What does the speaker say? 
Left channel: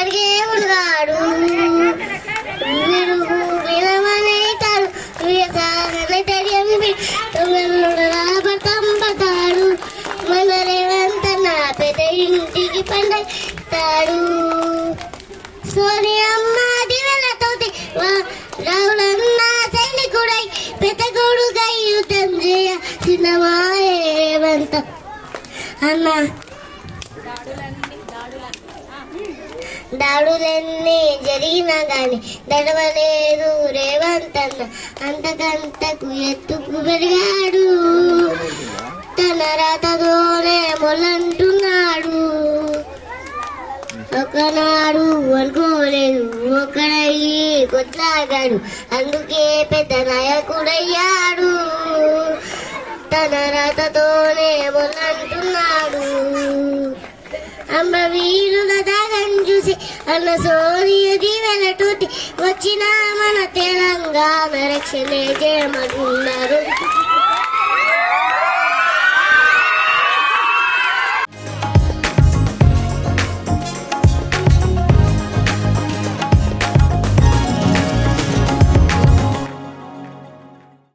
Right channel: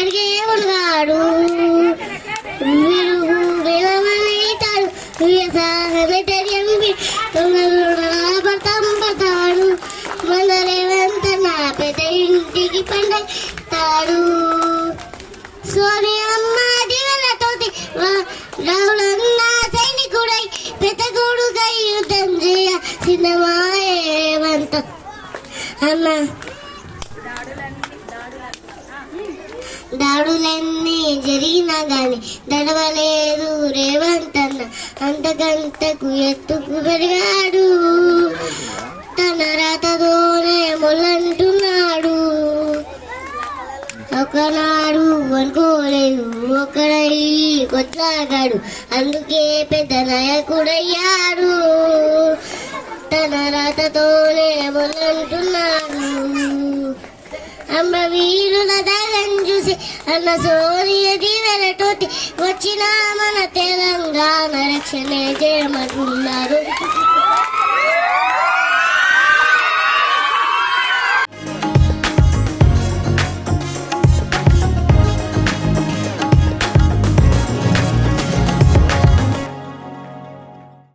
అడిగే ఉన్నాడు పడతాడు మన రేవంత నా పెద్ద ఇంటికి పండతాడు సోనియమ్మ దివెలతోటి రావులన్న సైనికుడై పెద్దగోడుగై యుద్ధం చేయ సినిమా రేవంత అన్న దాడులన్నీ జరిగినా గాని దడవలేదు రేవంత్ అన్న అంతకంతకు ఎత్తుకు పెరిగాడు తన రాతతోనే మొలంటున్నాడు ఒకనాడు అనుకోలేదు ఒకడయ్యి కొట్లాగాడు అందుకే పెద్ద నాయకుడయ్యాడు తన రాతతోనే మొలంటున్నాడు అమ్మ వీరుల దాగం చూసి అన్న సోనియ దీవెలతోటి వచ్చిన మన తెలంగాణ రక్షణ చేయమన్నారు.